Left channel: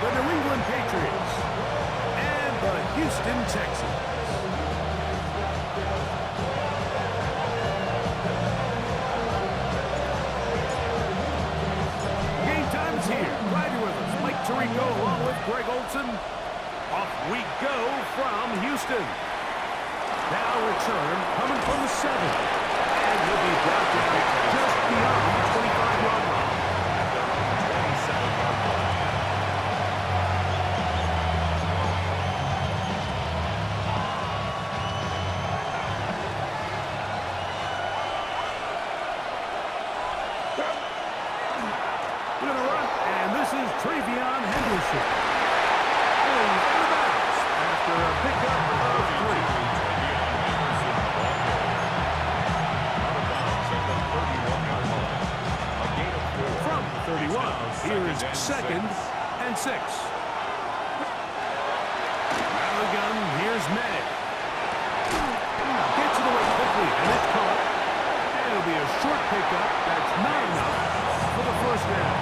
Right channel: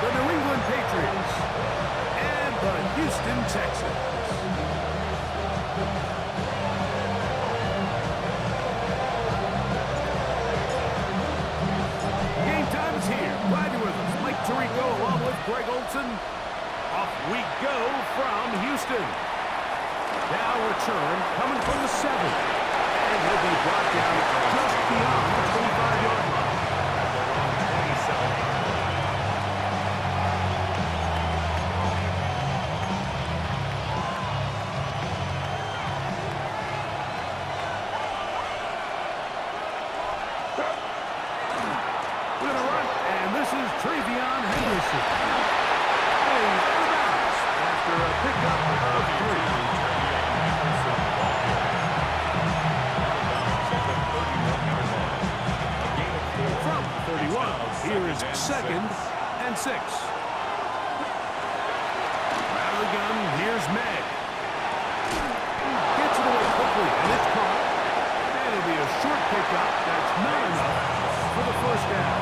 the New England Patriots and the Houston Texans. Game time is here. Glad you're with us. Mike Tirico along with Greg Olson. Off we go from Houston. Now return coming from the 7. And he'll be brought down just beyond the 25-yard line. At their own 27-yard line. We're going to run, and this is Travion Henderson. And he's out of bounds after a pickup of 3. From the 31, here is 2nd and 6. Out of the gun, here's May. Gets it away quickly, and it's caught. And it'll be a short pickup that's not enough for the first down.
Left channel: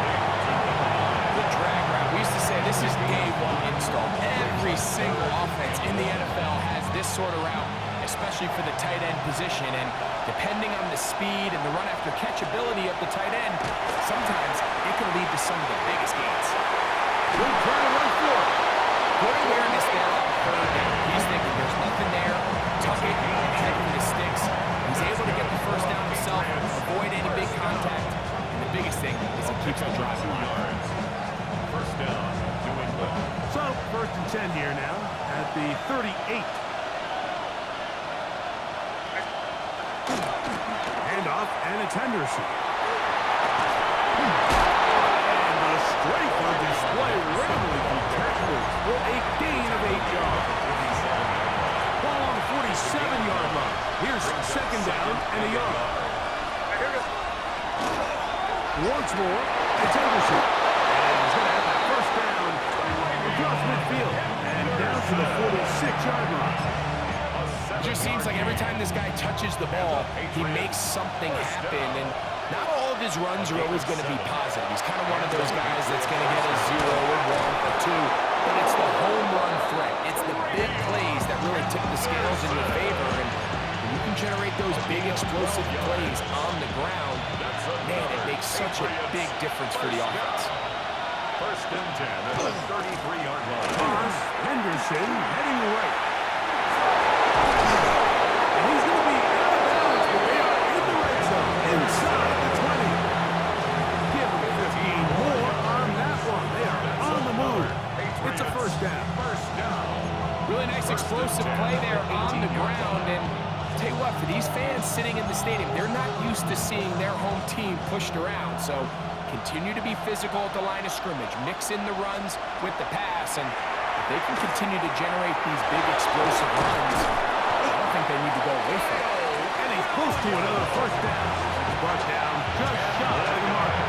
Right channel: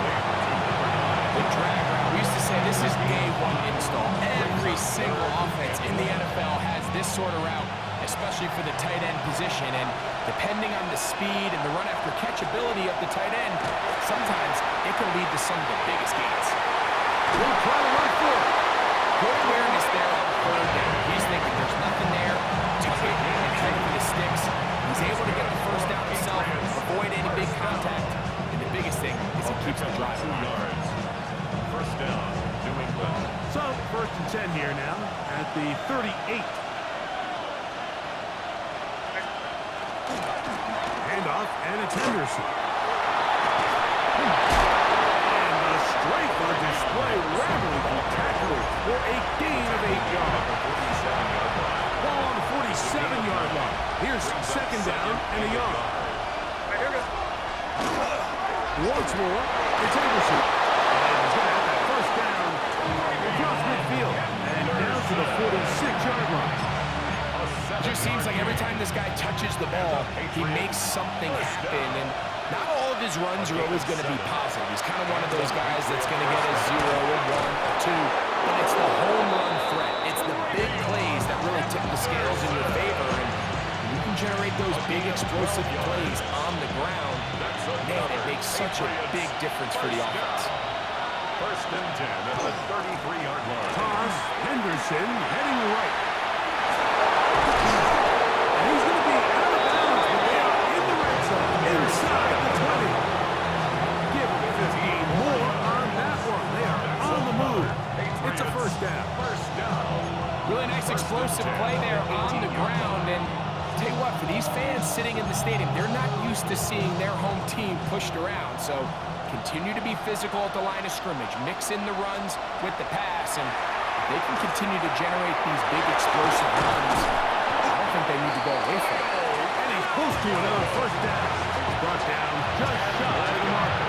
The drag route. We used to say this is day 1 install. Every single offense in the NFL has this sort of route, especially for the tight end position. And depending on the speed and the run after catch ability of the tight end, sometimes it can lead to some of the biggest gains. We'll try to run for it. Good awareness there on 3rd down. He's thinking there's nothing there. Tuck it and head for the sticks. He's able to get the first down himself, avoid any big contact. And the biggest thing is he keeps the drive alive. First down, New England. So, 1st and 10 here now at the 38. Handoff, and it's Henderson. And the strength on display, rambling through tacklers for a gain of 8 yards. Ball on the 47-yard line. Here's 2nd down and a yard. Once more, it's Henderson. And he's going to have that first down across midfield and down to the 46-yard line. It just seems like every time this guy touches the ball, he makes something happen. And not all of his runs are always going to be positive. He's kind of one of those guys that's going to get a 0, a 1, a 2. But it's the home run threat. It's the big plays that really tip the scales in your favor. And when you can generate those big explosive plays on the ground, man, it makes such a big difference for the offense. 1st and 10 at the 33-yard line. Toss, Henderson heading right. And he's going to be out of bounds, but they are in the red zone, inside the 20. Give him 15 more on that one. They are on the move. It's a first down. First down. Really nice explosive play there on the ground. And I'll tell you what, for these fans sitting in the stadium, they're not used to seeing their home team pushed around. So continue to be physical at the line of scrimmage. Mix in the runs with the pass. And if they can continue to generate these big explosive runs, I don't think they need to go away from it. And he's close to another first down. He's brought down just shy of the marker.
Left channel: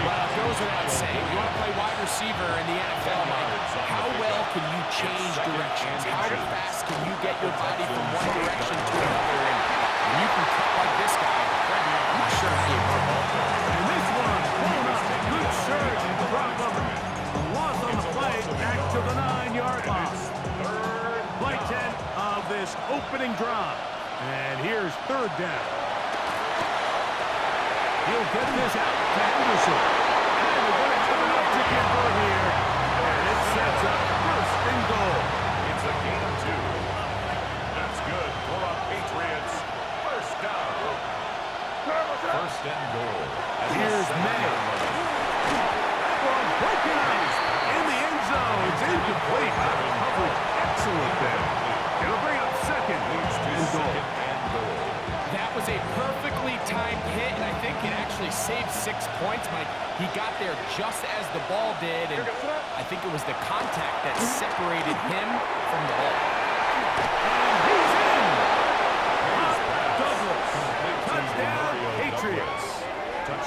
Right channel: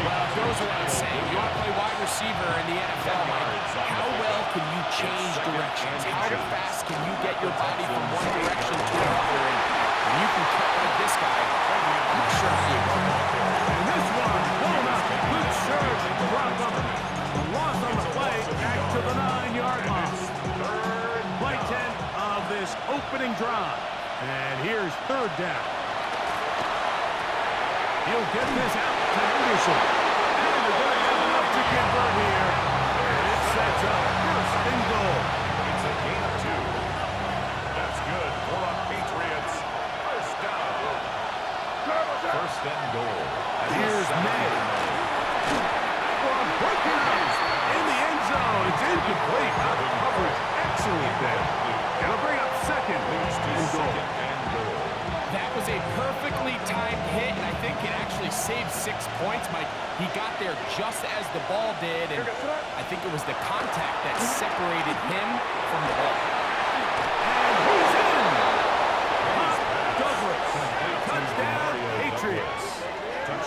Well, it goes without saying, you want to play wide receiver in the NFL, Mike, how well can you change directions? How fast can you get your body from one direction to another? And when you can cut like this guy, I'm not sure how you go. And this one, blown up. Good surge from him. A loss on the play, back to the 9-yard line. Play 10 of this opening drive. And here's 3rd down. He'll get this out to Henderson. And they're going to have enough to convert here. And it sets up 1st and goal. It's a gain of 2. That's good for a Patriots. First down. 1st and goal. Here's May. That one broken up in the end zone. It's incomplete. Out of coverage. Excellent there. It'll bring up 2nd and goal. 2nd and goal. That was a perfectly timed hit, and I think it actually saved 6 points, Mike. He got there just as the ball did, and I think it was the contact that separated him from the ball. And he's in! Douglas. Touchdown, Patriots.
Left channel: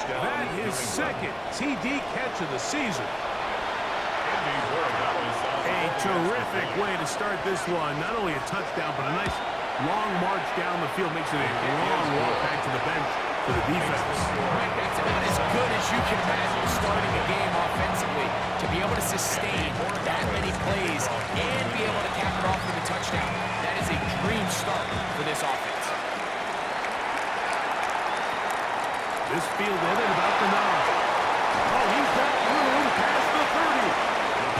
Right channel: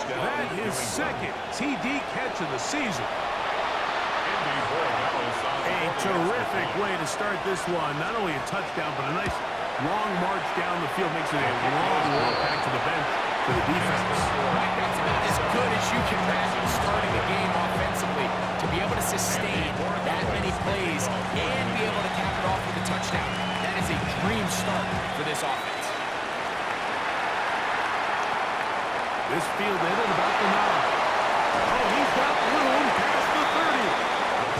That is 2nd TD catch of the season. A terrific way to start this one. Not only a touchdown, but a nice long march down the field. Makes it a long walk back to the bench for the defense. Right, that's about as good as you can imagine starting a game offensively. To be able to sustain that many plays and be able to cap it off with a touchdown, that is a dream start for this offense. This fielded at about the 9. Oh, he's got room past the 30.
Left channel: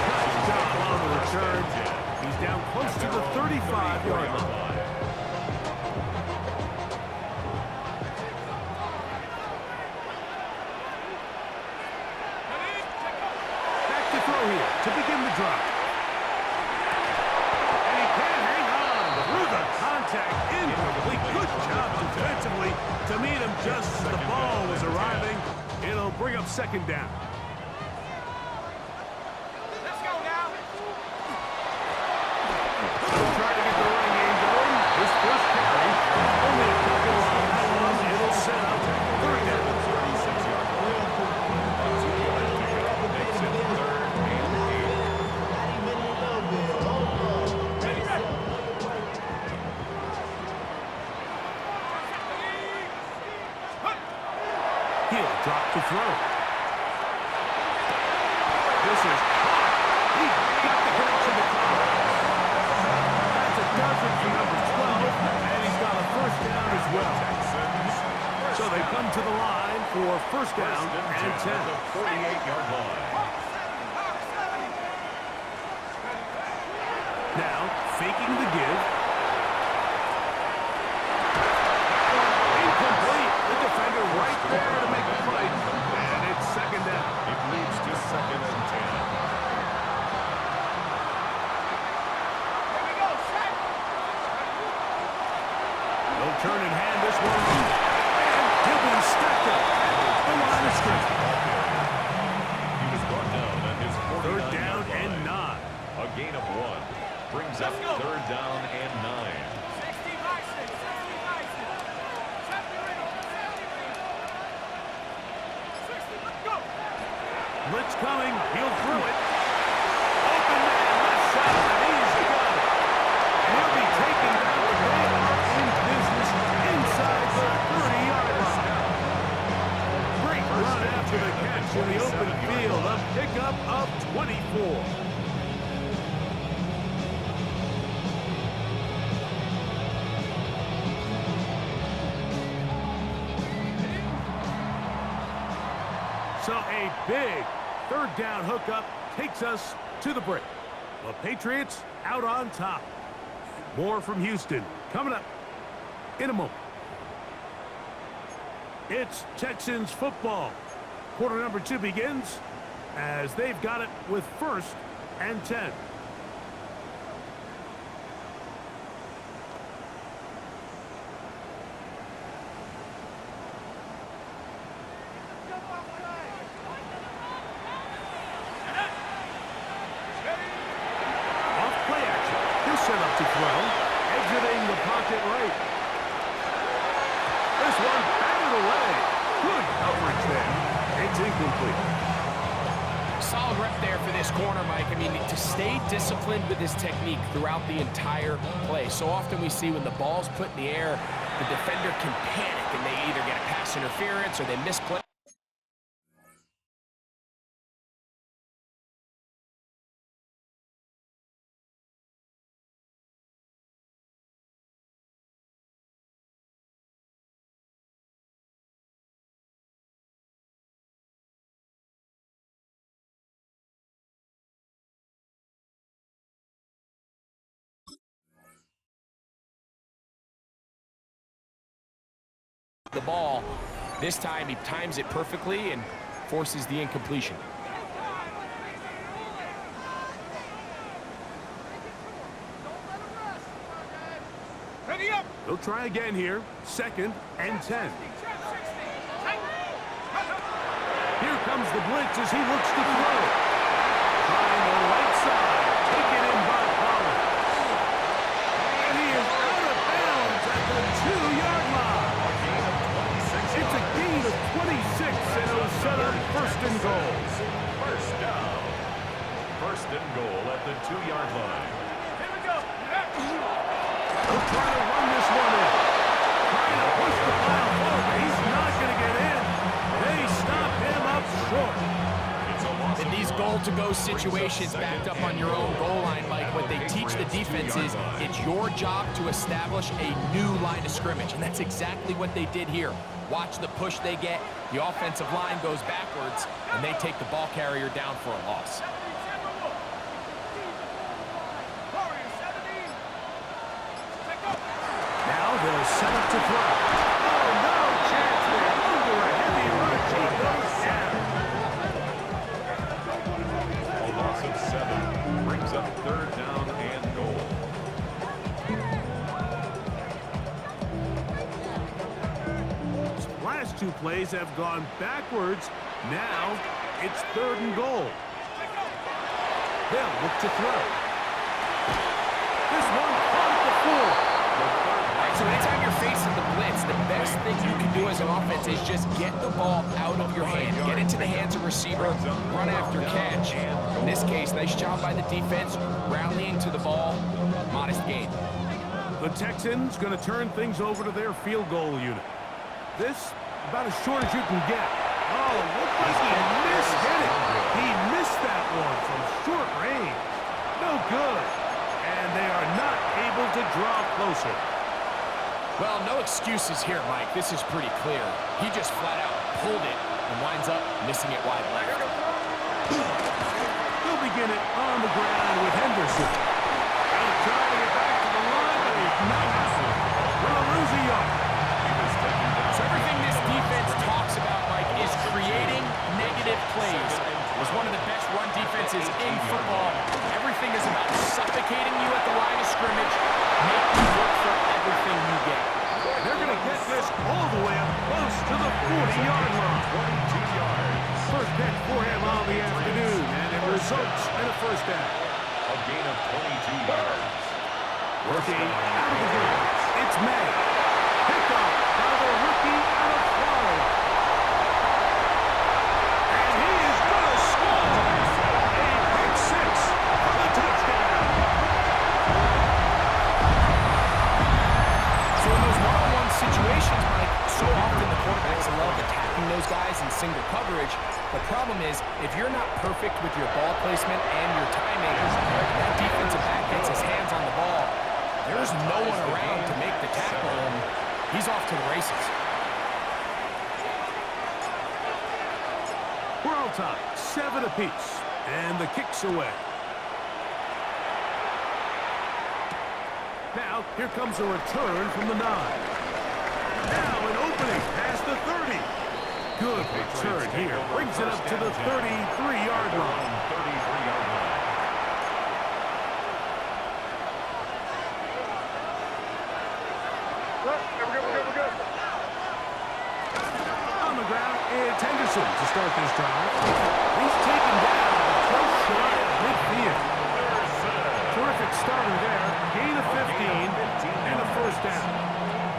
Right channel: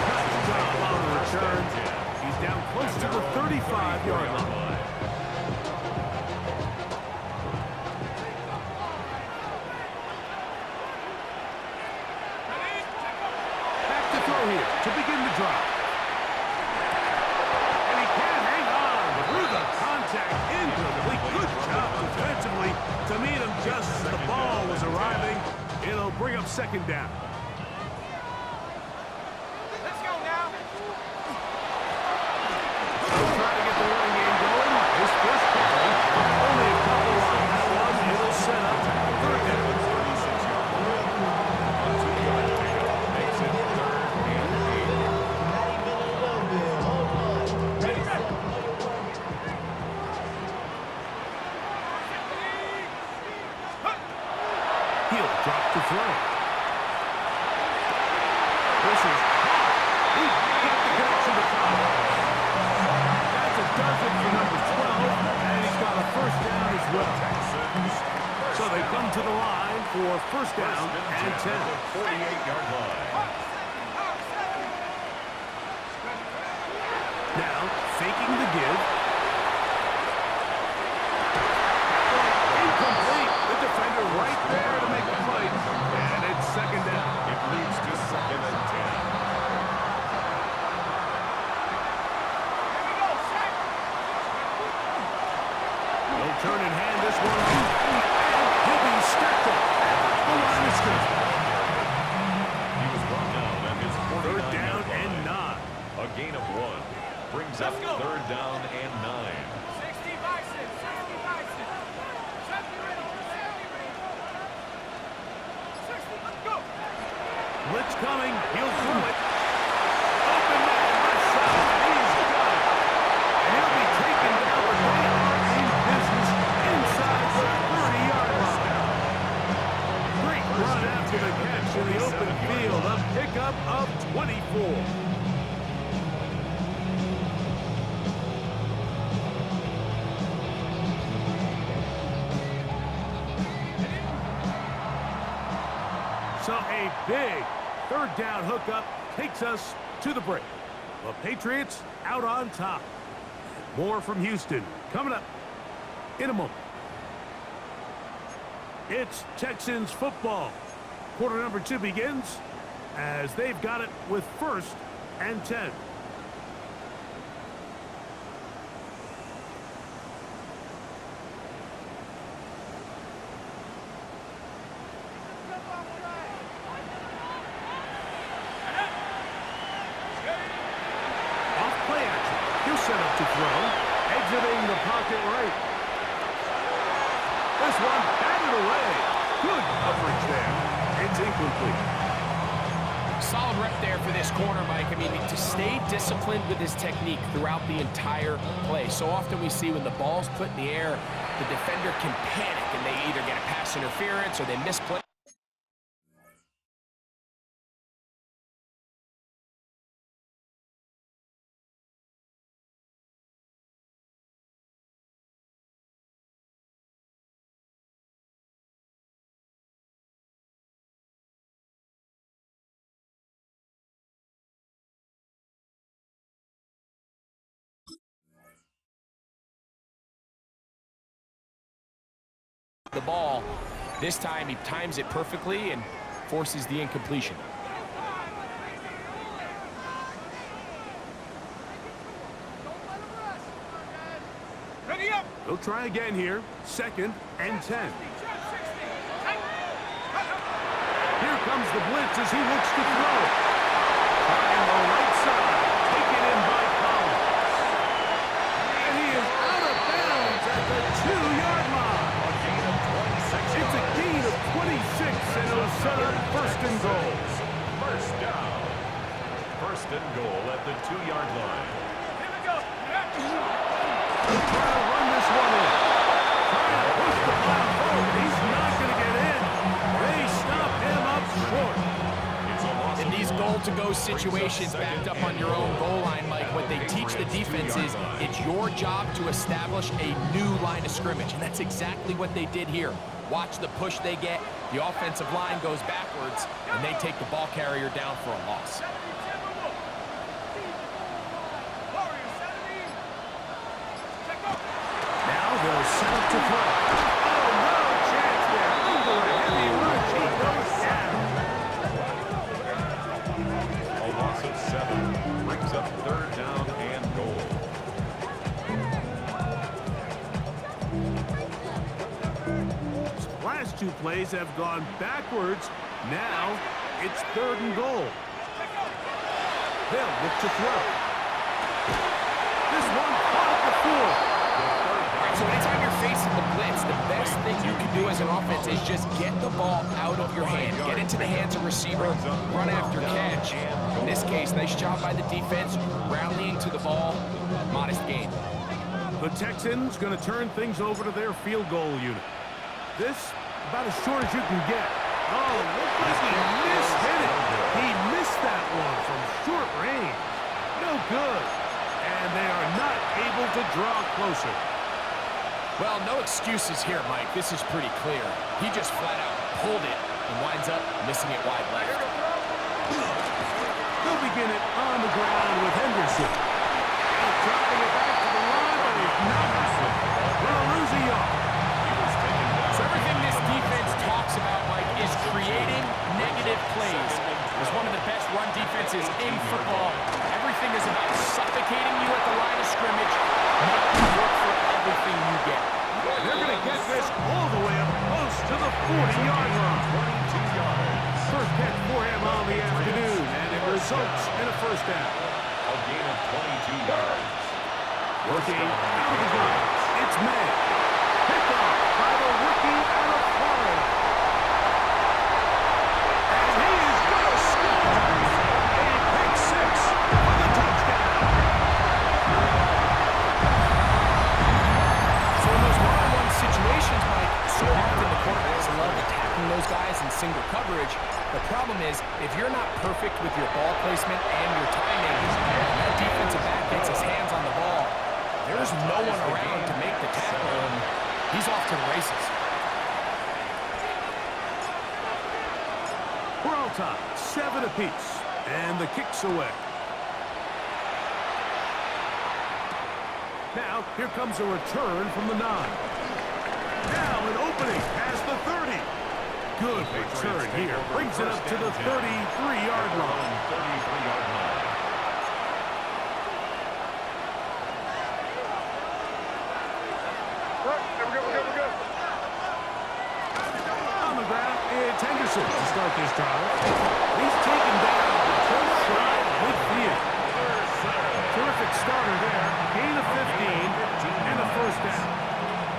Nice job on the return. He's down close to the 35-yard line. Back to throw here to begin the drive. And he can't hang on through the contact. Incomplete. Good job defensively to meet him just as the ball was arriving. It'll bring up second down. Let's go now. He'll try to get the running game going. His first carry. Only a couple on that one. It'll set up third down. 36-yard line. A 2-yard pickup makes it 3rd and 8. Not even a little bit. Hold on. Take yourself. Know your work. He'll drop to throw. This is caught. He got the connection to Collins. That's a dozen for number 12, and he's got a first down as well. So they come to the line for first down and 10. At the 48-yard line. Now, faking the give. That one incomplete. The defender right there to make the play. And it's second down. It leads to 2nd and 10. Here we go, set. They'll turn and hand this one off. And he'll be stacked up at the line of scrimmage. Ball carrier. He was brought down at his 49-yard Third down line. and 9. A gain of 1 brings up 3rd down and 9. 60 Bison, 60 Bison. 70 ready, 70 ready. 60, go. Blitz coming. He'll throw it. Open man, left side, and he's got it. And he'll be taken down, but they are in business inside the 30-yard line. Great run after the catch in the open field. A pickup of 24. So a big third down hookup takes us to the break. The Patriots out on top. More from Houston coming up in a moment. It's Texans football. Quarter number 2 begins as they've got it with first and 10. Off play action. He'll set up to throw. Exiting the pocket right. This one batted away. Good coverage there. It's incomplete. Solid rep there for this corner, Mike. I mean, to stay disciplined with his technique throughout the entire play. So often we see when the ball's put in the air, the defender can panic and they either get a pass interference or they misplay. The ball. This time he times it perfectly and forces the incompletion. Ready up. They'll try again here. Second and 10. Here comes the blitz as he looks to throw. Trying the right side. Taken in by Collins. And he is out of bounds at the 2-yard line. A gain of 26 It's a yards. gain of 26, and it'll set up first and goal. First down. First and goal at the 2-yard line. Here we go. They'll try to run this one in. trying to push the pile forward. He's not going to get in. They stop him up short. In these goal-to-go situations backed up on your own goal line, Mike, what they teach the defense is it's your job to establish a new line of scrimmage, and that's exactly what they did here. Watch the push they get. The offensive line goes backwards, and they take the ball carrier down for a loss. Now they'll set up to throw. Oh, no chance there. Under a heavy rush, he goes down. A loss of 7 brings up 3rd down and goal. Last 2 plays have gone backwards. Now it's 3rd and goal. They'll look to throw. This one caught at the 4. All right, so anytime you're facing the blitz, the best thing you can do as an offense is just get the ball out of your hand. Get into the hands of receiver, run after catch. In this case, nice job by the defense, rallying to the ball, modest gain. The Texans going to turn things over to their field goal unit. This, about as short as you can get. Oh, looked like he mishit it. He missed that one from short range. No good. And they are not able to draw closer. Well, no excuses here, Mike. This is pretty clear. He just flat out pulled it and winds up missing it wide left. They'll begin it on the ground with Henderson. He'll try to get back to the line, but he's not happening. We'll lose a yard. He was taken down. So everything this defense talks about, Mike, is creating negative plays. It's one of the best run defenses in football. Everything is about suffocating you at the line of scrimmage, make you work for everything you get. They're going to get this all the way up close to the 40-yard line. 22 yards. First catch for him on the afternoon, and it results in a first down. A gain of 22 yards. Working out of the gun, it's May. Pickoff by the rookie out of Florida. And he is going to score. A pick 6 for the touchdown. So in those one-on-one situations, Mike, so often the quarterbacks love attacking those guys in single coverage. The problem is, if you're not perfect with your ball placement and your timing, that defensive back gets his hands on the ball, there's no one around to make the tackle, and he's off to the races. We're all tied, 7 apiece, and the kick's away. Now, here comes a return from the 9. Now an opening past the 30. Good return here. Brings it up to the 33-yard line. 33-yard line. We're good. On the ground, it's Henderson to start this drive. He's taken down, but just shy of midfield. Terrific starter there. Gain of 15 and a first down.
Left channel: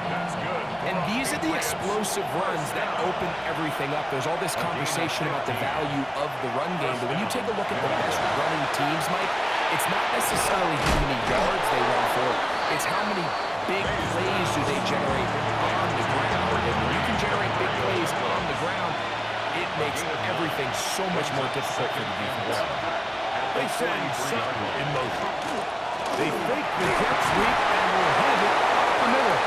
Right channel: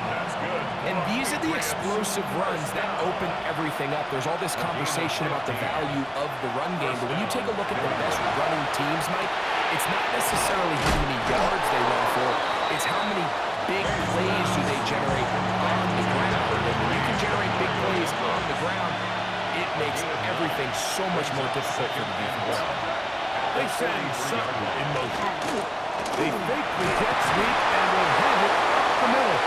That's good. And these are the explosive runs that open everything up. There's all this conversation about the value of the run game, but when you take a look at the best running teams, Mike, it's not necessarily how many yards they run for, it's how many big plays do they generate on the ground. And when you can generate big plays on the ground, it makes everything so much more difficult for the defense. They send Sutton in motion. They fake the jet sweep and will hand it up the middle.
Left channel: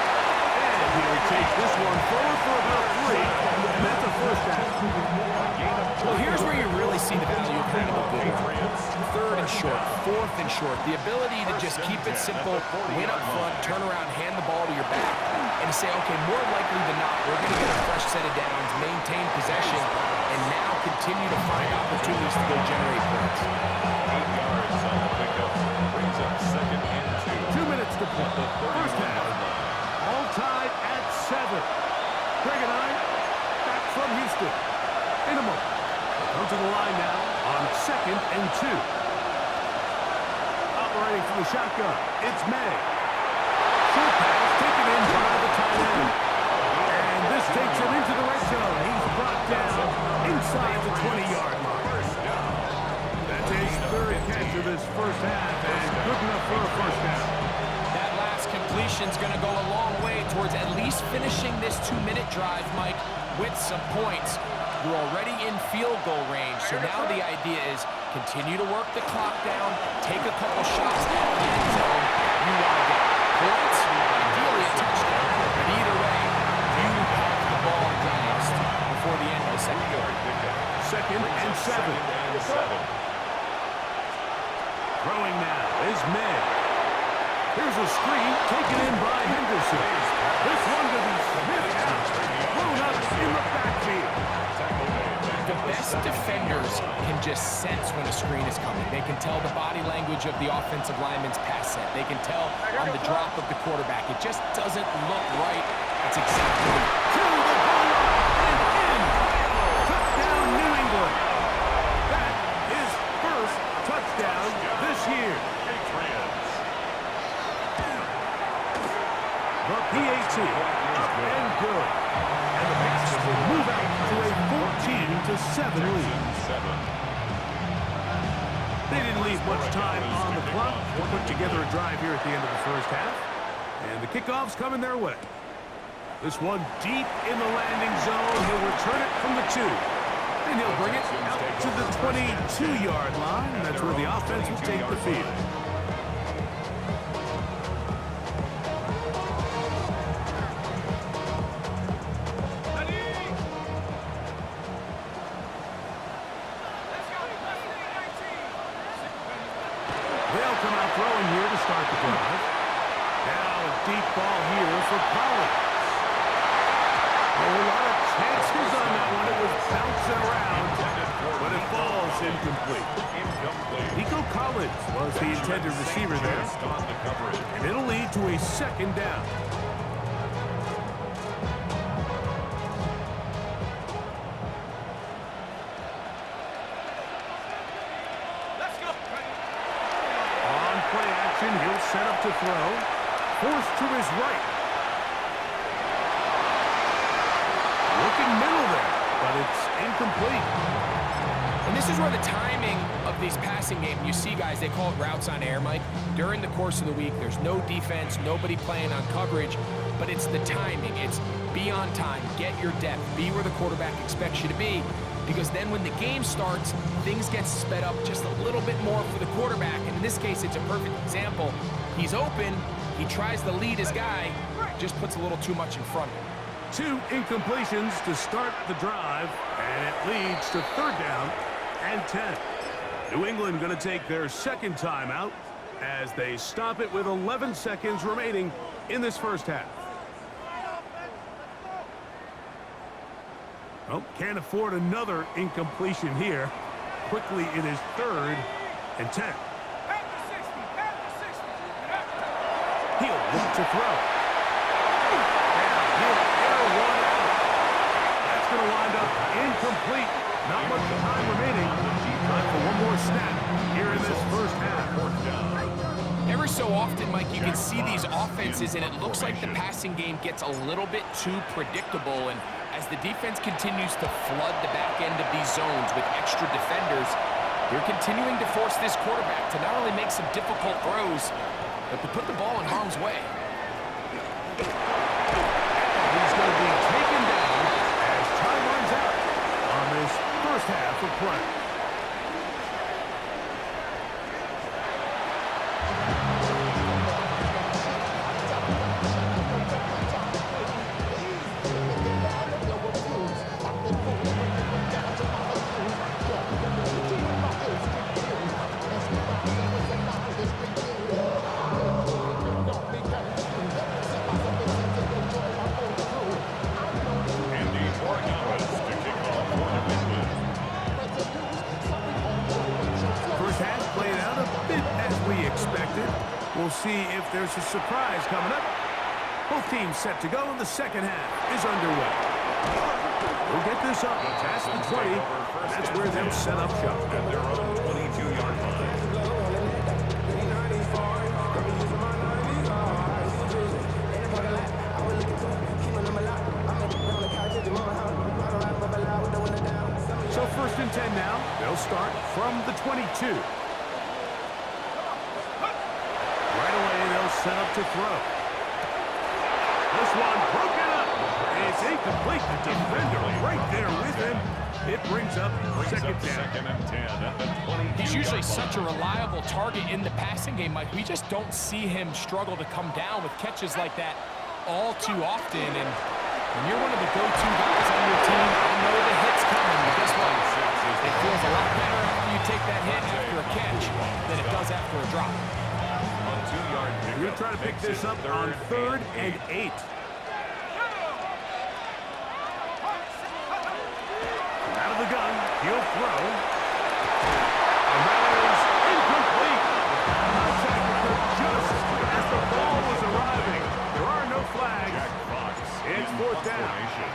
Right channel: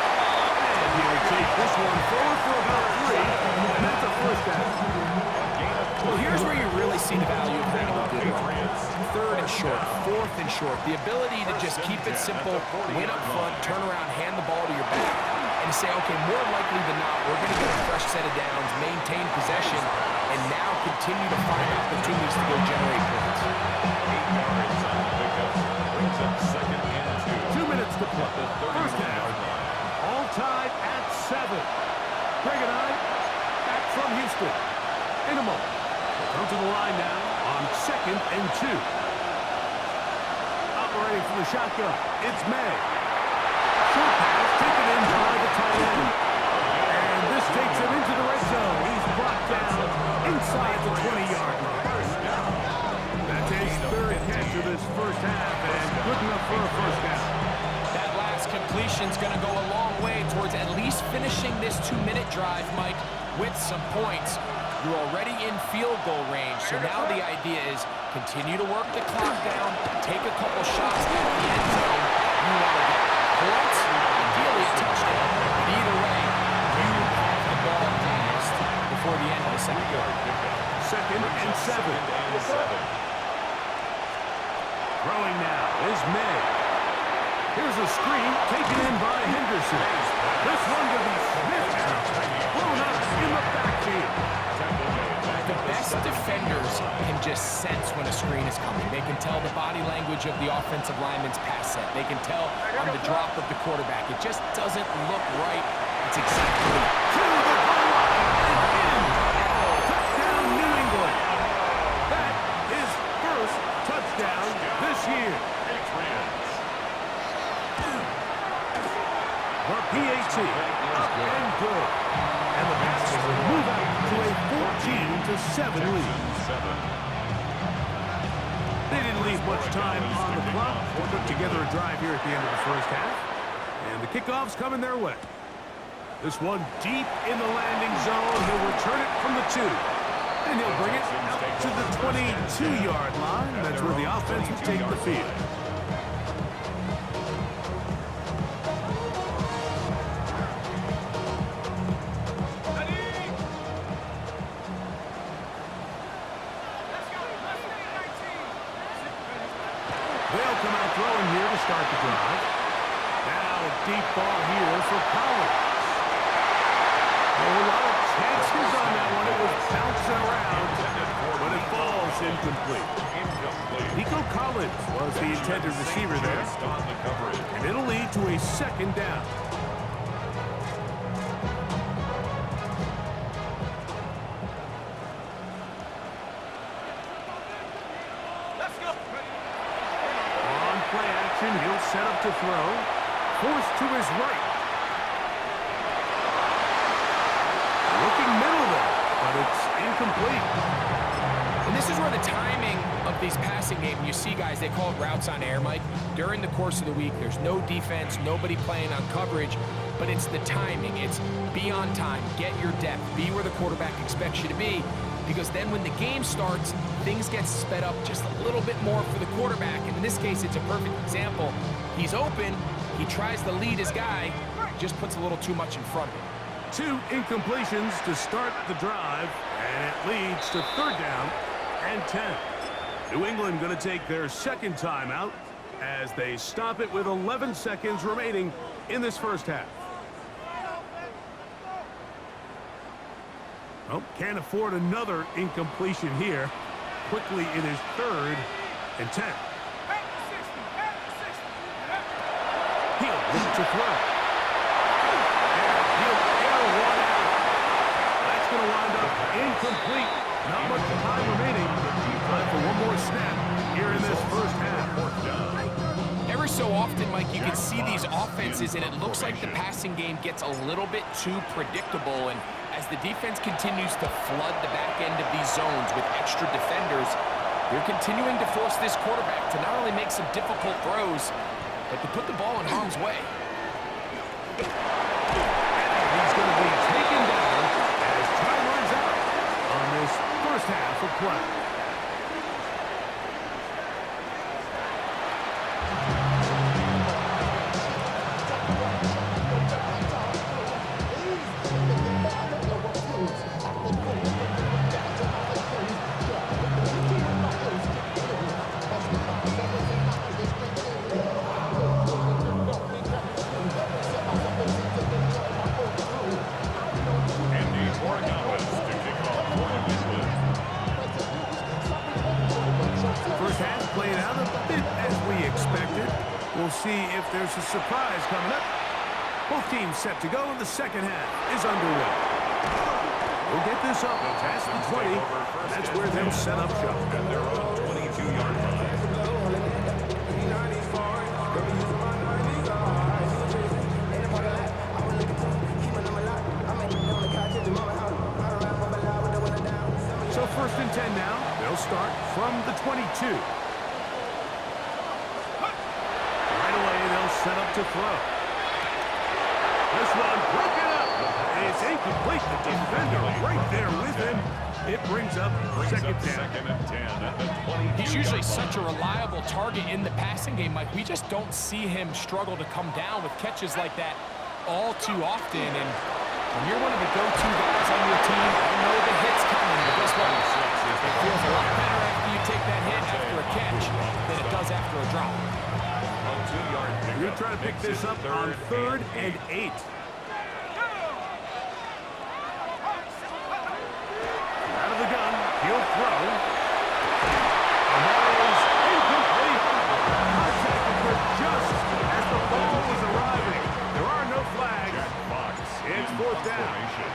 And he'll take this one forward for about 3, and that's a first down. Well, here's where you really see the value of having a good run. 3rd and short, 4th and short. The ability to just keep it simple, win up front, turn around, hand the ball to your back, and to say, okay, more likely than not, we're going to get a fresh set of downs, maintain possession, and now continue to find opportunities to go generate points. 8 yards on the pickup. Brings up 2nd and 2. 2 minutes to play. The First 31-yard half. line. All tied at 7. Greg and I back from Houston. In a moment. They come to the line now on 2nd and 2. Operating from the shotgun, it's May. Short pass taken in by the tight end. And this takes him into the red zone. He's brought down inside the 20-yard line. That's his 3rd catch of this first half, and good enough for a first down. That last pass completion's going to go a long way towards at least finishing this 2-minute drive, Mike, with some points. You're already in field goal range, so now the idea is continue to work the clock down, take a couple shots at the end zone. You want to get points, ideally a touchdown, but either way, you have the ball last before the end of the second quarter. Second and 7. Throwing now is May. Here's a screen taken in by Henderson. This one going to be sniffed out, blown up in the backfield. The best defenders can just sense when a screen is coming. They can tell the body language of the offensive lineman's pass set. They can tell on the drop of the quarterback. It just doesn't look right. It's exactly to the goal line and in. Touchdown, New England. That is first touchdown this year. The PAT up and good. And the Pats will move out to a 14-7 lead. They didn't leave much time on the clock to put together a drive here at the end of the first half. And the kickoff's coming their way. This one deep in the landing zone. He'll return it from the 2. And he'll bring it out to the 22-yard line. That's where the offense will take the field. They'll come out throwing here to start the drive. Now a deep ball here for Collins. Oh, a lot of chances on that one. It was bouncing around, but it falls incomplete. Nico Collins was the intended receiver there, and it'll lead to a second down. Play action, he'll set up to throw. Forced to his right. Looking middle there, but it's incomplete. And this is where the timing of these passing games, you see guys, they call it routes on air, Mike. During the course of the week, there's no defense, nobody playing on coverage, but it's the timing. It's be on time, get your depth, be where the quarterback expects you to be. Because then when the game starts, things get sped up just a little bit more for the quarterback. And in this case, it's a perfect example. He's open, he tries to lead his guy, just puts a little too much in front of him. 2 incompletions to start the drive, and it leads to 3rd down and 10. New England going to take their second timeout as they stop it with 11 seconds remaining in this first half. Oh, can't afford another incompletion here. Quickly, it is 3rd and 10. He'll look to throw. Now he'll air one out. That's going to wind up incomplete. Not much time remaining. Time for one more snap here in this first half. Every so often, Mike, you can see these offenses, and it looks like the passing game gets a little bit too predictable. And as the defense continues to flood the back end of these zones with extra defenders, they're continuing to force this quarterback to not only make some difficult throws, but to put the ball in harm's way. And he's going to be taken down as time runs out on this first half of play. First half played out a bit as we expected. We'll see if there's a surprise coming up. Both teams set to go, and the second half is underway. We'll get this up past the 20. That's where they'll set up shop. At their own 22-yard line. So 1st and 10 now. They'll start from the 22. Right away, they'll set up to throw. This one broken up. It's incomplete. The defender right there with him. It brings up second down. Second and 10 at the 22. He's usually such a reliable target in the passing game, Mike. We just don't see him struggle to come down with catches like that all too often. And when you're one of the go-to guys on your team, I know the hit's coming, but guess what? It feels a lot better after you take that hit after a catch than it does after a drop. A 2-yard pickup. We're trying to pick this up on 3rd and 8. Out of the gun, he'll throw. And that is incomplete. Contact occurred just as the ball was arriving. There are no flags. Jack Fox. It's 4th down. Formation.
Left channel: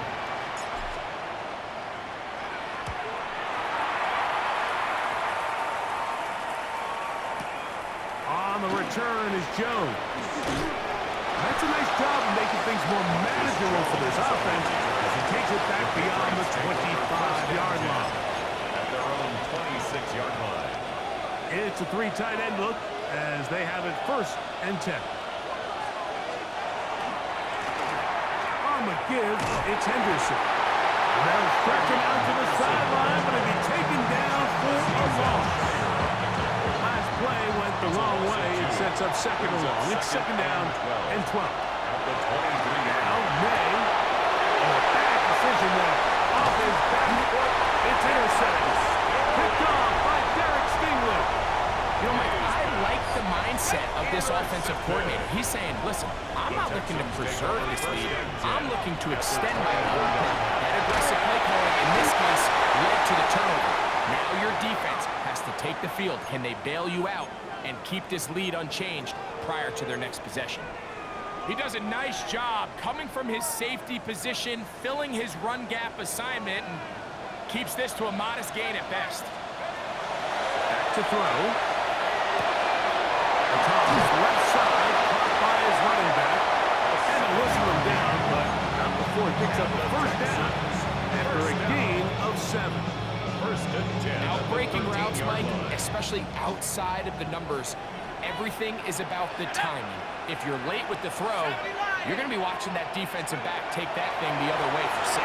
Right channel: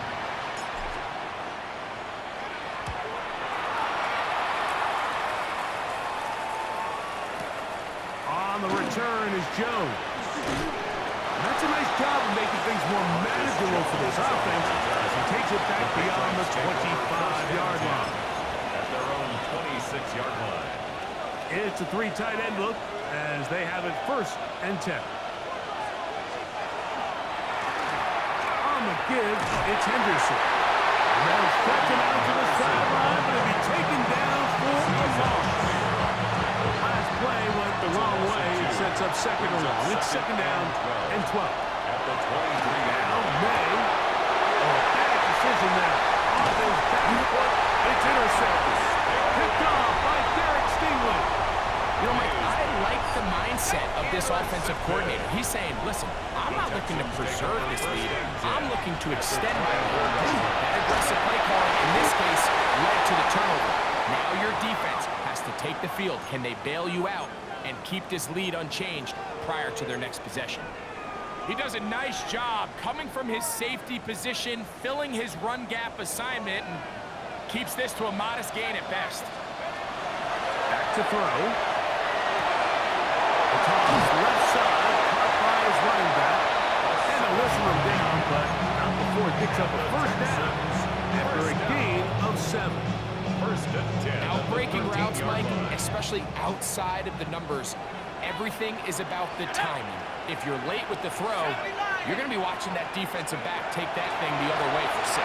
On the return is Jones. That's a nice job of making things more manageable for this offense as he takes it back beyond the 25-yard line. At their own 26-yard line. It's a 3 tight end look as they have it 1st and 10. On the give, it's Henderson. And they'll stretch him out to the sideline, but he'll be taken down for a loss. Last play went the wrong way. It sets up 2nd and long. It's 2nd down and 12. At the 23-yard Now, line. May. Oh, a bad decision there. Off his back foot. It's intercepted. Picked off by Derek Stingley. You know, Mike, I like the mindset of this offensive coordinator. He's saying, listen, I'm not looking to preserve this lead. I'm looking to extend my lead. That aggressive play calling, in this case, led to the turnover. Now your defense has to take the field. Can they bail you out and keep this lead unchanged prior to their next possession? He does a nice job coming from his safety position, filling his run gap assignment, and keeps this to a modest gain at best. Back to throw. The toss left side, caught by his running back. And they'll whistle him down, but not before he picks up a 1st down after a gain of 7. 1st and 10. Outbreaking routes, Mike, especially outside of the numbers, everything is about the timing. If you're late with the throw, you're going to be watching that defensive back take that thing the other way for 6.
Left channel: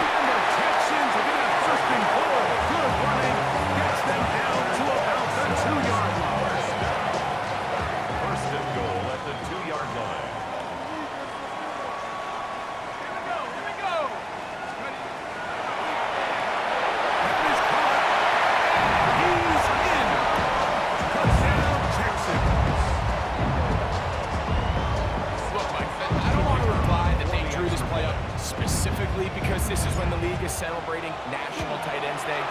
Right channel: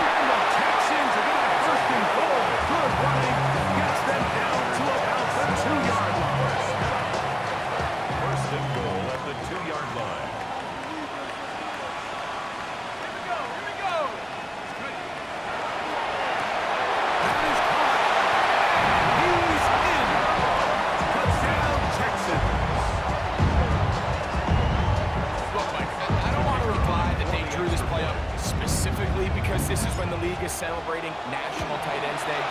And the Texans are going to have 1st and goal. Good running. Gets them down to about the 2-yard line. 1st and goal at the 2-yard line. Here we go. Good. That is caught. And he's in. Touchdown, Texans. Look, Mike, I don't want to imply that they drew this play up specifically because this is when the league is celebrating National Tight Ends Day.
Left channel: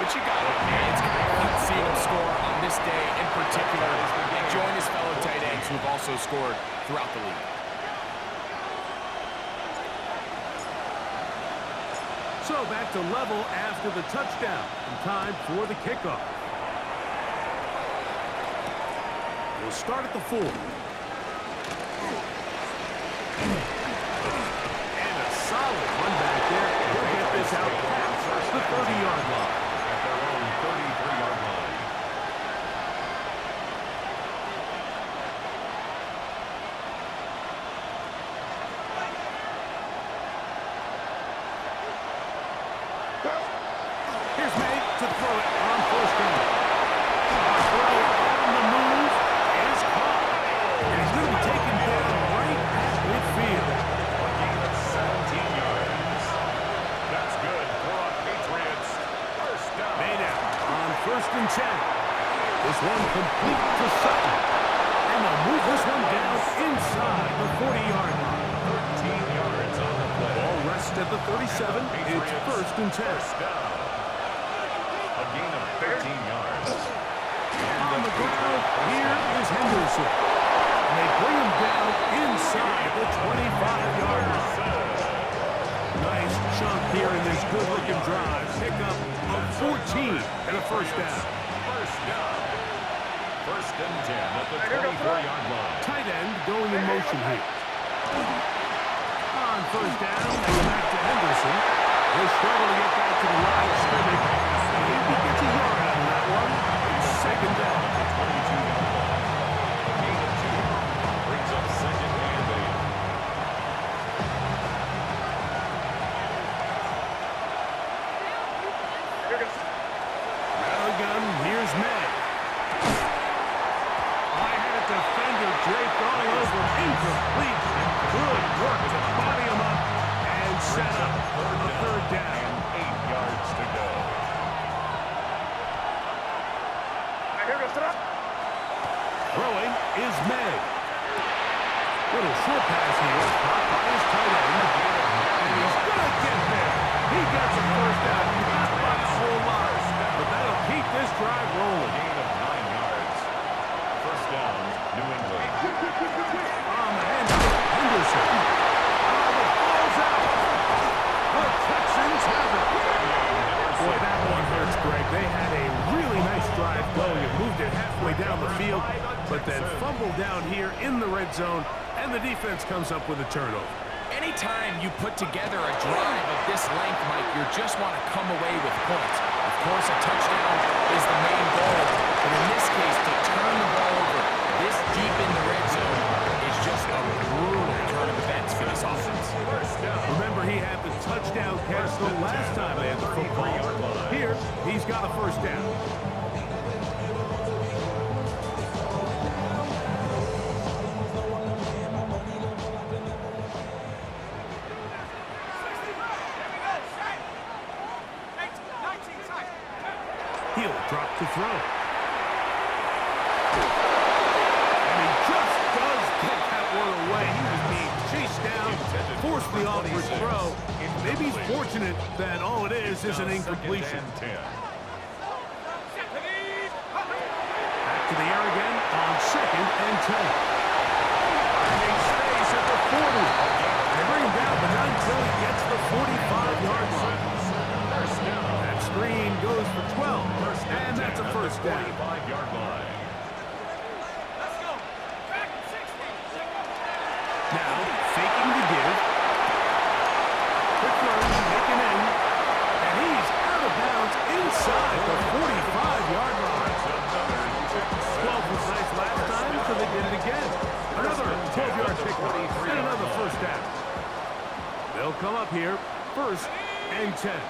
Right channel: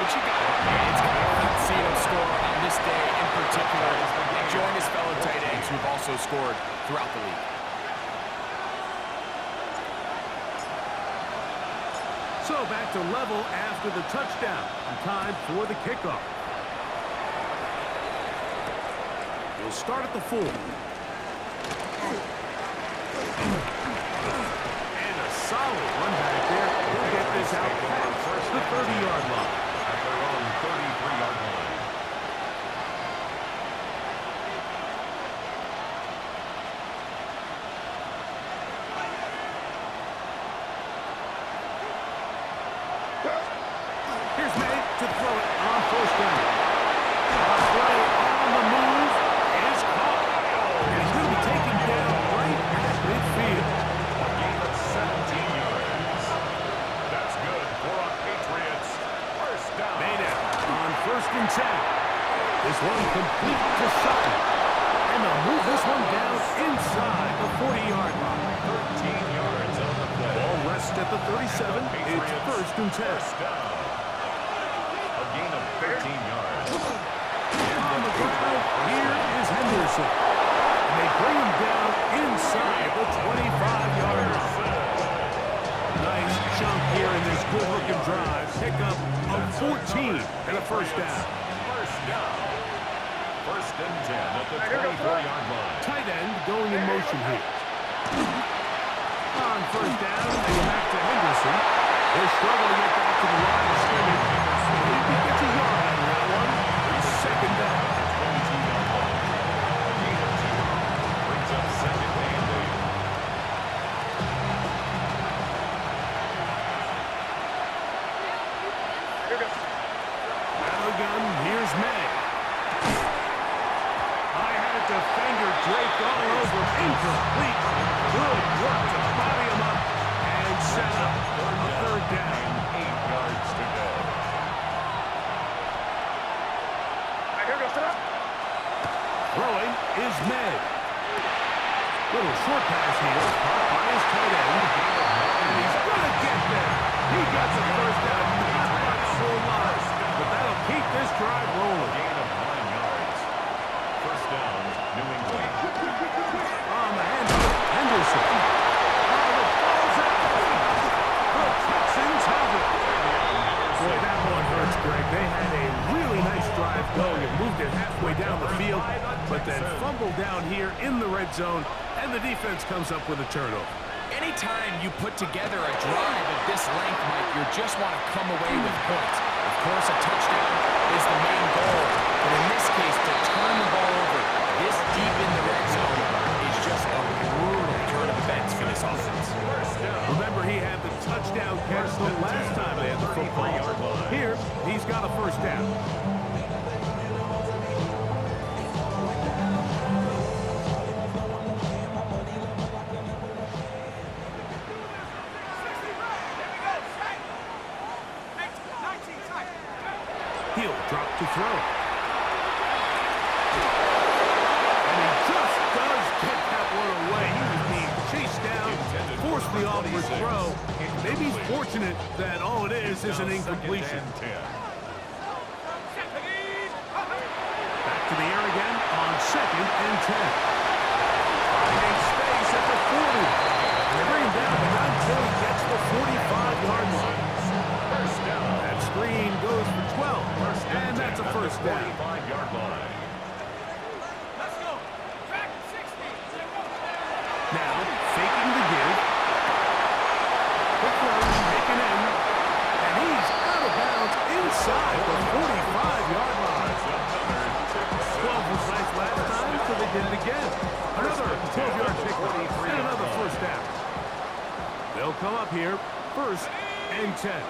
But you got it, man. It's kind of fun seeing him score on this day in particular and join his fellow tight ends who have also scored throughout the league. So back to level after the touchdown. And time for the kickoff. He'll start at the 4. And a solid run back there. He'll get this out past the 30-yard line. At their own 33-yard line. Here's May to throw it on 1st down. A throw on the move is caught. And he's going to be taken down right at midfield. A gain of 17 yards. That's good for a Patriots 1st down. Made out on 1st and 10. This one complete to Sutton. And they'll move this one down inside the 40-yard line. 13 yards on the play. Ball rests at the 37. It's 1st and 10. 1st down. A gain of 13 yards. On the ground, here is Henderson. And they bring him down inside the 25-yard line. Nice chunk here in this good-looking drive. Pickup of 14 and a 1st down. 1st down. 1st and 10 at the 24-yard line. Tight end going in motion here. On 1st down, they go back to Henderson. He'll struggle to get back to the line of scrimmage. If he gets a yard out of that one, it's 2nd down. At the 22-yard line. A gain of brings up 2nd and 8. Out of the gun, here's May. I had a defender draped all over him. Incomplete. Good work to body him up and set up a 3rd down. And 8 yards to go. Throwing is May. Little short pass here, caught by his tight end. And he's going to get there. He got the 1st down, not by a whole lot. But that'll keep this drive rolling. Gain of 9 yards. 1st down, New England. On the handoff, Henderson. Oh, the ball's out. The Texans have it. Boy, that one hurts, Greg. They had a really nice drive going and moved it halfway down the field, but then fumbled down here in the red zone, and the defense comes up with a turnover. Anytime you put together a drive of this length, Mike, you just want to come away with points. Of course, a touchdown is the main goal, but in this case, to turn the ball over this deep in the red zone is just a brutal turn of events for this offense. Remember, he had the touchdown catch the last time they had the football. Here, he's got a 1st down. He'll drop to throw. And he just does get that one away. He was being chased down, forced the awkward throw. Maybe he's fortunate that all it is an incompletion. Back to the air again on 2nd and 10. Finding space at the 40. And they bring him down, but not until he gets the 45-yard line. That screen goes for 12, and that's a 1st down. 45-yard line. Let's go. Back 60. Now, faking the give. Quick throw, taken in, and he's out of bounds inside the 45-yard line. 12 was nice last time, so they did it again. Another 12-yard pickup, and another 1st down. They'll come up here, 1st and 10.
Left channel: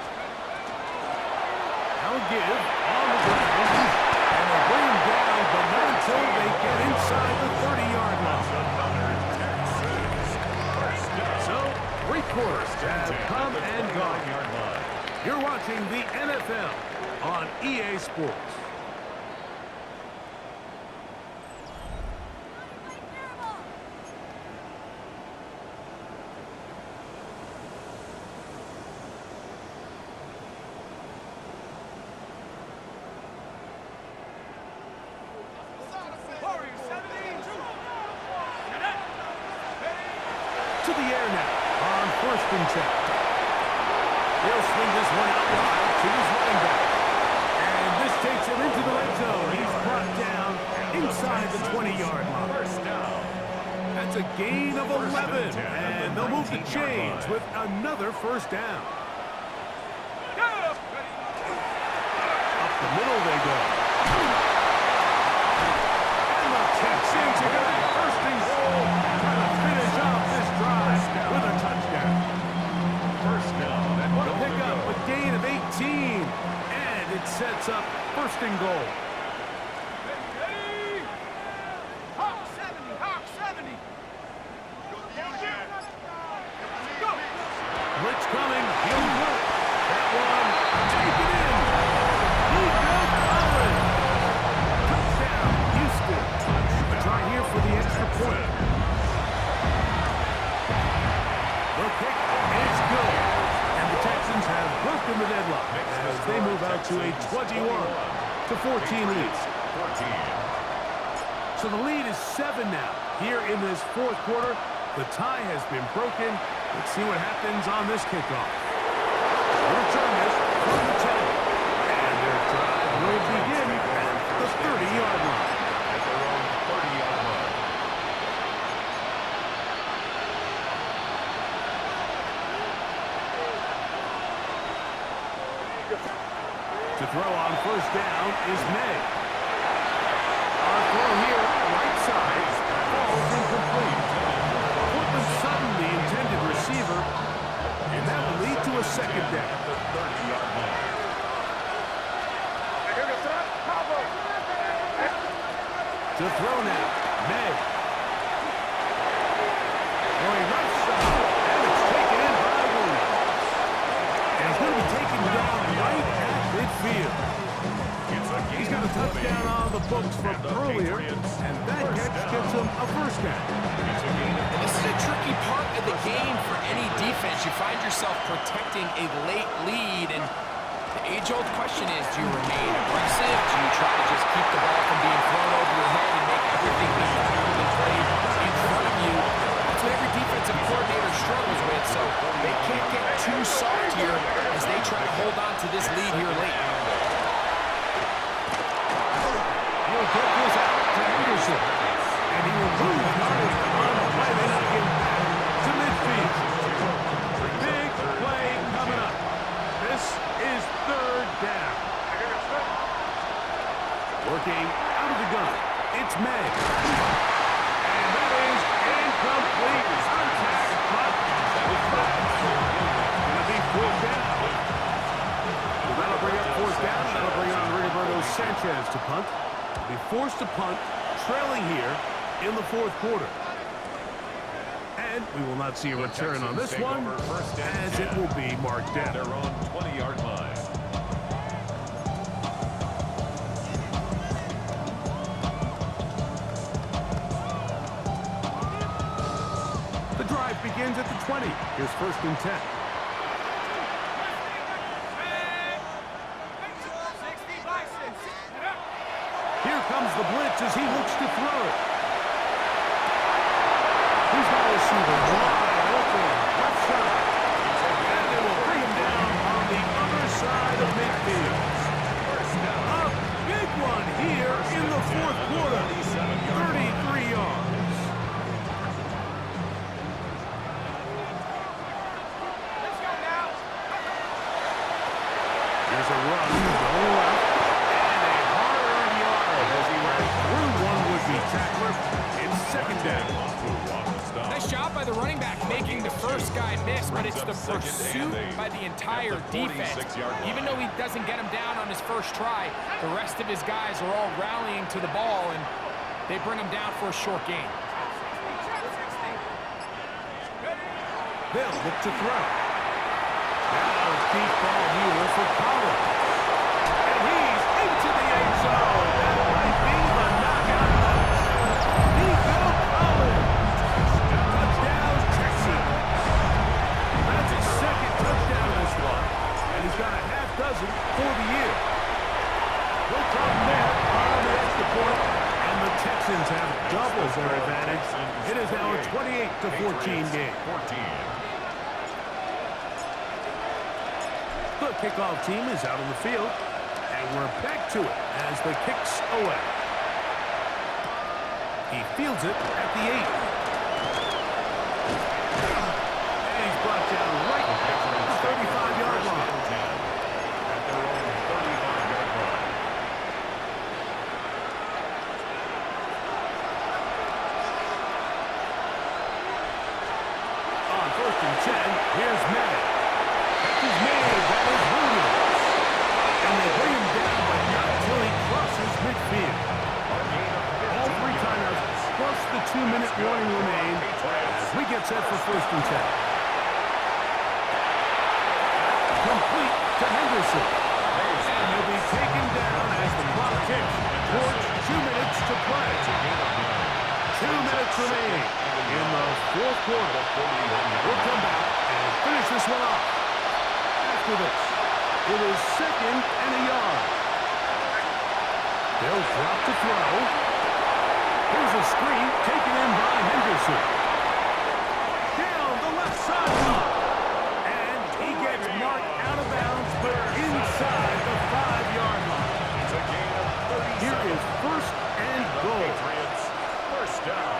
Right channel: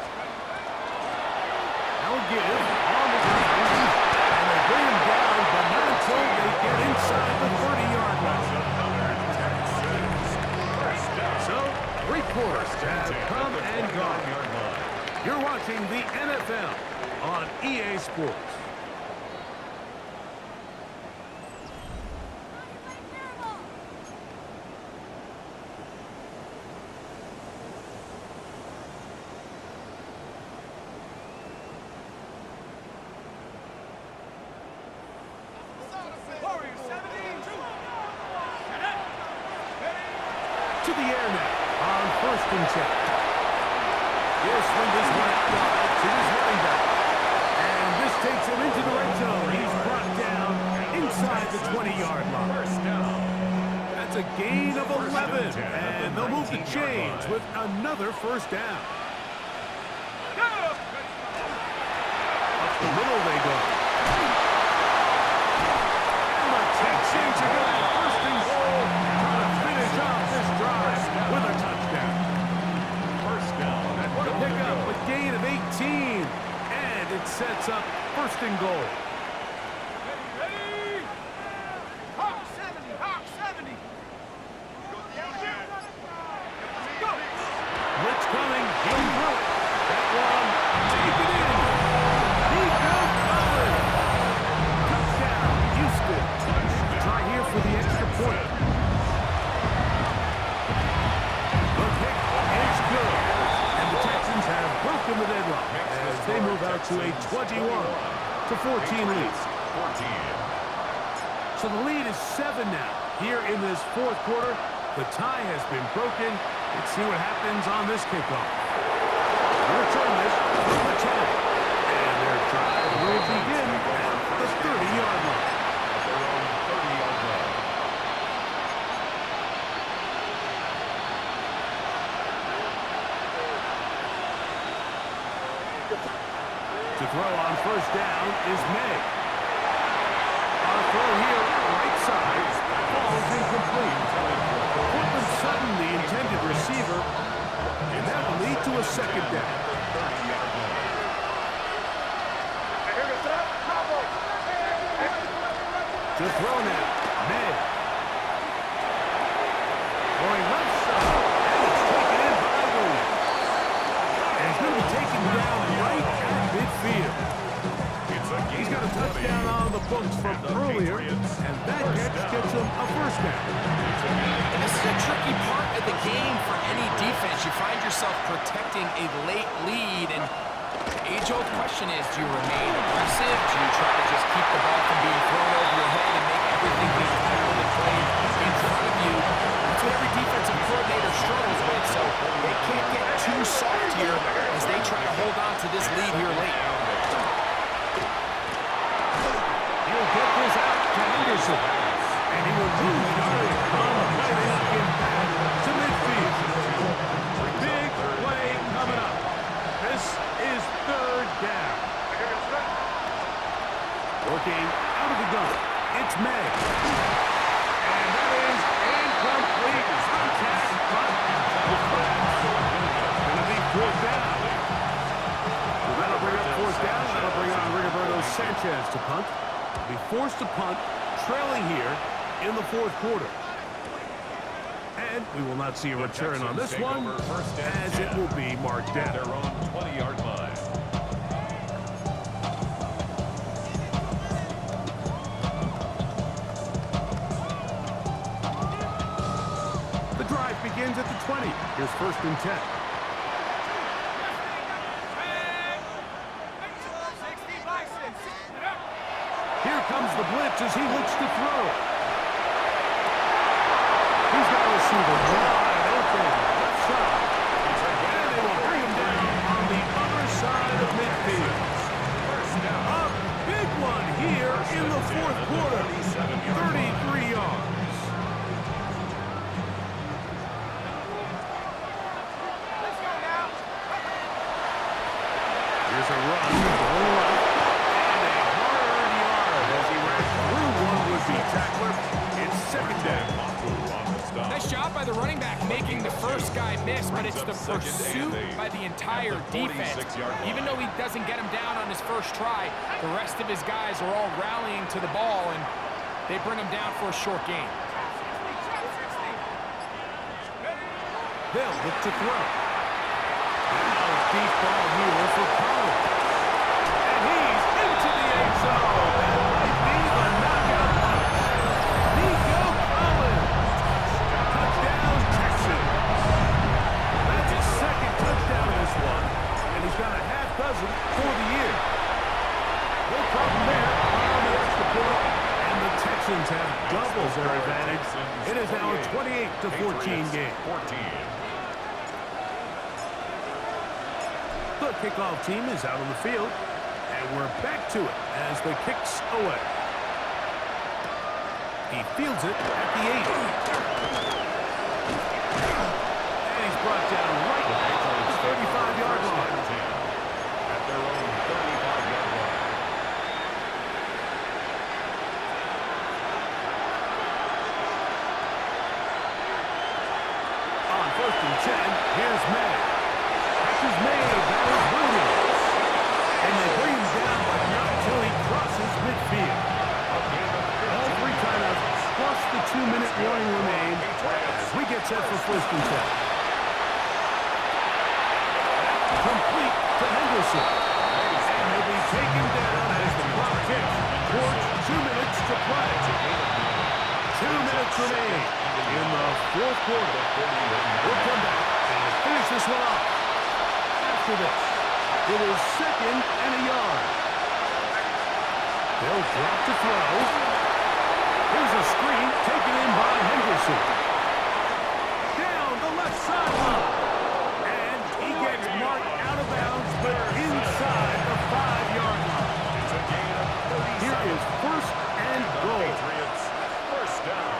Now give on the ground, and they bring him down, but not until they get inside the 30-yard line. So, 3 quarters have come and gone. You're watching the NFL on EA Sports. To the air now on 1st and 10. He'll swing this one out wide to his running back. And this takes him into the red zone. He's brought down inside the 20-yard line. 1st down. That's a gain of 11. And they'll move the chains with another 1st down. Up the middle they go. And the Texans are going to have 1st and goal. Trying to finish off this drive with a touchdown. 1st down. What a pickup, a gain of 18. And it sets up 1st and goal. Ready? Hawk 70. Hawk 70. Go. Blitz coming. He'll throw it. That one, take it in. Nico Collins. Touchdown, Houston. Try here for the extra point. The kick is good. And the Texans have broken the deadlock as they move out to a 21-14 lead. So the lead is 7 now. Here in this 4th quarter, the tie has been broken. Let's see what happens on this kickoff. They return this from the 10. And their drive will begin at the 30-yard line. At their own 30-yard line. To throw on 1st down is May. Our throw here, right side, falls incomplete. Portland Sutton, the intended receiver, and that will lead to a second down. At the 30-yard line. To throw now, May. Throwing left side, and it's taken in by Williams. And he's going to be taken down right at midfield. He's got a touchdown on the books from earlier, and that catch gets him a first down. And this is a tricky part of the game for any defense. You find yourself protecting a late lead, and the age-old question is, do you remain aggressive? Do you try to just keep the ball from being thrown over your head and make everything be tackled and played in front of you? That's what every defensive coordinator struggles with, so they can't get too soft here as they try to hold on to this lead here late. He'll get this out to Henderson, and he will lose yardage on the play. They knock him back to midfield. Big play coming up. This is third down. Working out of the gun. It's May. And that is incomplete. Contact, but the flag's going to be fourth down. So that'll bring up fourth down. That'll bring on Rigoberto Sanchez to punt. Be forced to punt, trailing here in the fourth quarter. And we will not see a return on this one, as it will be marked down. Their own 20-yard line. The drive begins at the 20. Here's first and 10. Here comes the blitz as he looks to throw. He's got a receiver wide open, left side. And they will bring him down on the other side of midfield. A big one here in the fourth quarter. 33 yards. Let's go now. Here's a run going left. And a hard-earned yard as he ran through one would-be tackler. It's second down. Nice job by the running back making the first guy miss, but it's the pursuit by the entire defense. Even though he doesn't get him down on his first try, the rest of his guys are all rallying to the ball, and they bring him down for a short gain. They'll look to throw. Now a deep ball here for Collins. And he's into the end zone. That might be the knockout punch. Nico Collins. Touchdown, Texas. That's his second touchdown in this one. And he's got a half dozen for the year. No problem there on the extra point. And the Texans have doubled their advantage. It is now a 28-14 game. The kickoff team is out on the field, and we're back to it as the kick's away. He fields it at the 8. And he's brought down right at the 35-yard line. At their own 35-yard line. On first and 10, here's May. Catch is made, that is Williams. And they bring him down, but not till he crosses midfield. All three timeouts plus the 2-minute warning remain as we get set for first and 10. Complete to Henderson. And he'll be taken down as the clock ticks towards 2 minutes to play. 2 minutes remaining in the fourth quarter. We'll come back and finish this one off. After this, it is second and a yard. They'll drop to throw. Here's a screen taken in by Henderson. Down the left sideline. And he gets marked out of bounds, but inside the 5-yard line. It's a gain of 37. Here is first and goal. Patriots, first down.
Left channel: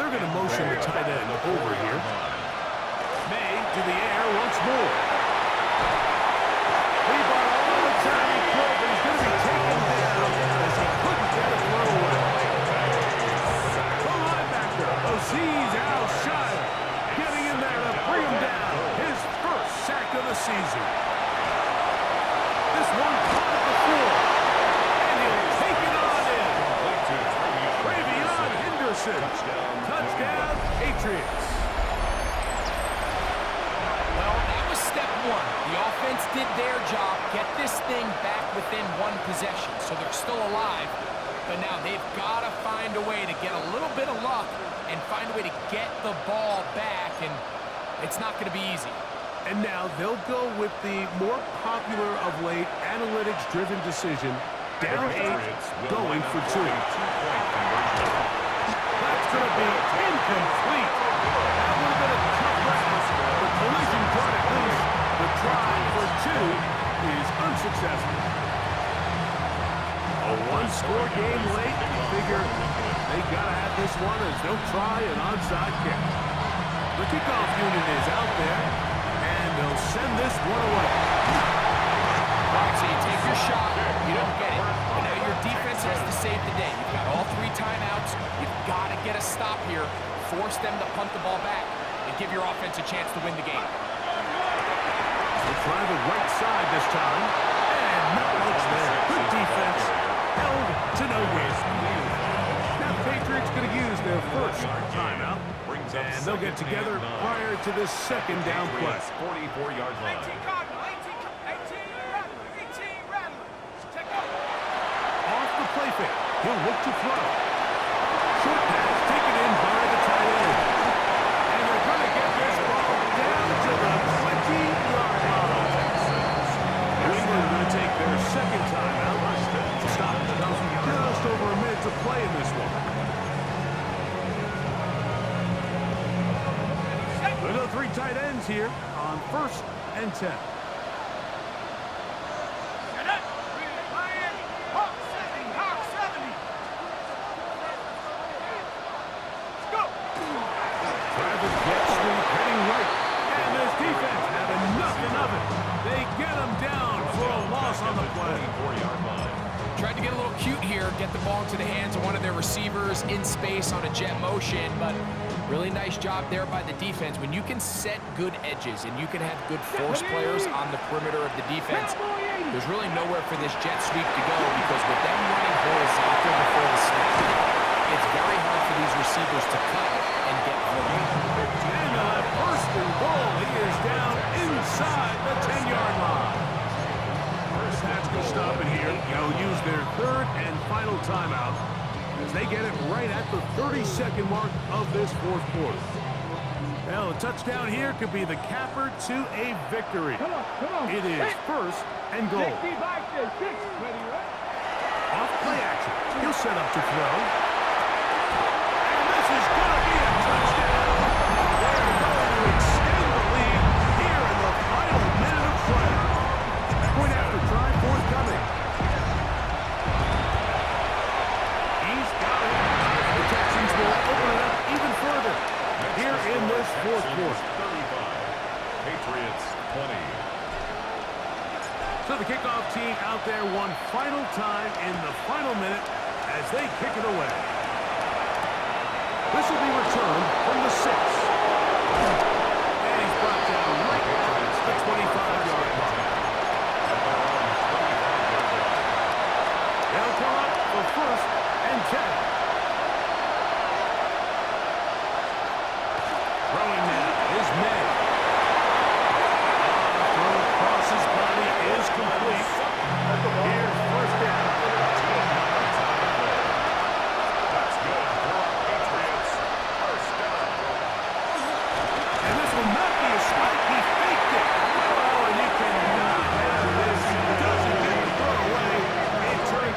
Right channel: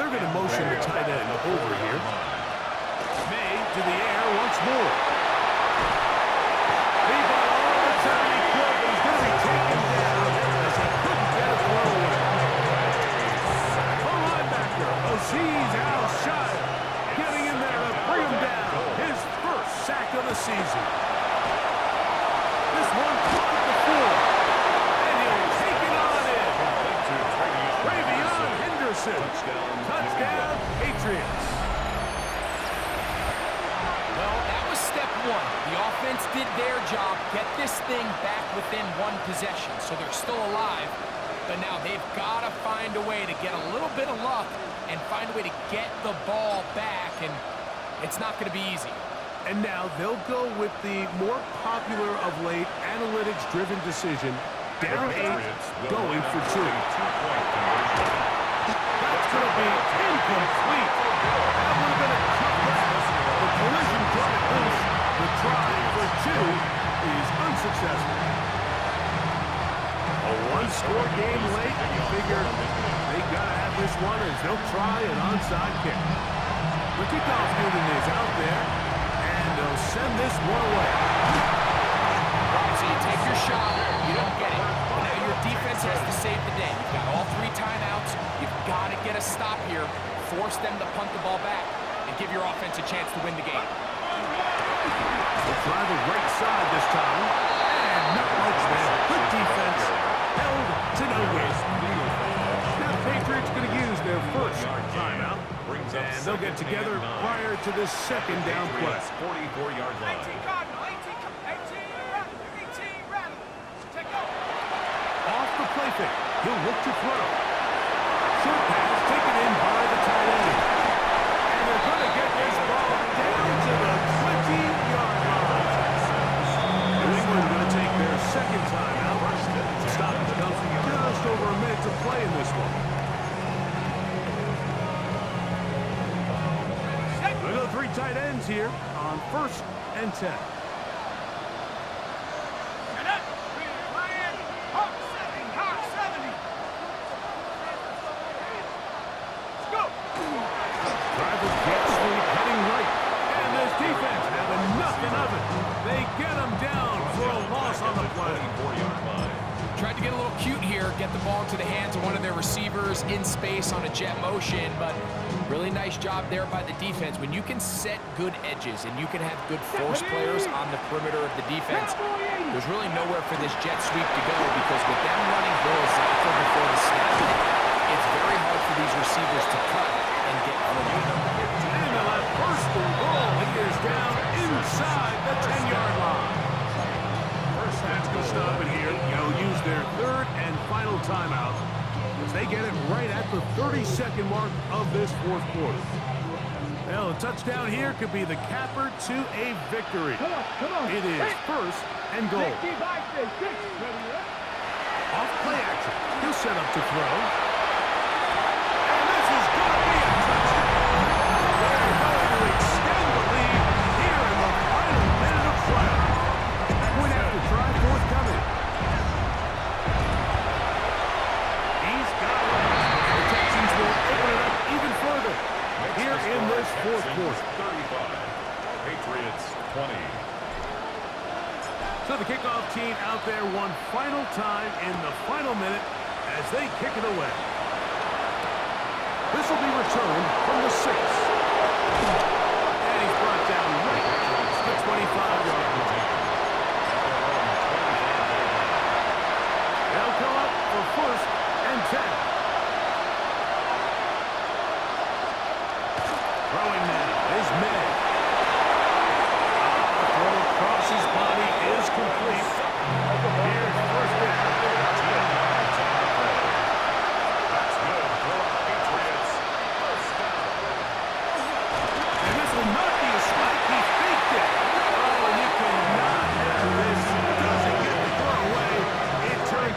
They're going to motion the tight end over here. May to the air once more. He bought all the time he could, but he's going to be taken down as he quickly one caught at the 4. And he'll take it on in. Complete to Travion Henderson. Touchdown, Patriots. Well, that was step one. The offense did their job, get this thing back within one possession, so they're still alive. But now they've got to find a way to get a little bit of luck and find a way to get the ball back, and it's not going to be easy. And now they'll go with the more popular of late analytics-driven decision, down 8, going for 2. Two-point conversion. That's going to be incomplete. That would have been a tough grab. The collision brought it loose. The try for 2 is unsuccessful. A one-score game late. You figure they got to have this one as they'll try an onside kick. The kickoff unit is out there, and they'll send this one away. All right, so you take your shot, you don't get it. But now your defense has to save the day. You've got all 3 timeouts. You've got to get a stop here, force them to punt the ball back, and give your offense a chance to win the game. They'll try the right side this time, and not much there. Good defense, held to no gain. Now the Patriots going to use their first timeout, and they'll get together prior to this second down play. 44-yard line. 18 Cardinal, 18 Rattler, 18 Rattler. Check out. Off the play fake, he'll look to throw. Short pass taken in by the tight end. And they're going to get this ball down to the 20-yard line. New England going to take their second timeout. Stop comes just over a minute to play in this one. Look at the 3 tight ends here on 1st and 10. And that, Ryan, Hawk 70, Hawk 70. Let's go. Try the jet sweep heading right. And this defense having nothing of it. They get them down for a loss on the play. 24-yard line. Tried to get a little cute here, get the ball into the hands of one of their receivers in space on a jet motion, but really nice job there by the defense. When you can set good edges and you can have good force players on the perimeter of the defense, there's really nowhere for this jet sweep to go, because with them running horizontal before the snap, it's very hard for these receivers to cut and get vertical. And on 1st and goal, he is down inside the 10-yard line. Pats going to stop it here. They'll use their 3rd and final timeout as they get it right at the 32nd mark of this 4th quarter. Well, a touchdown here could be the capper to a victory. It is 1st and goal. Off play action. He'll set up to throw. And this is going to be a touchdown. They're going to extend the lead here in the final minute of play. Point after try forthcoming. He's got it. And the Texans will open it up even further here in this 4th quarter. 35. Patriots 20. So the kickoff team out there one final time in the final minute as they kick it away. This will be returned from the 6. And he's brought down right at the 25-yard line. They'll come up for 1st and 10. Throwing now is May. Throw across his body is complete. Here's 1st down. 10 yards on the play. That's good for our Patriots. 1st down. And this will not be a spike. He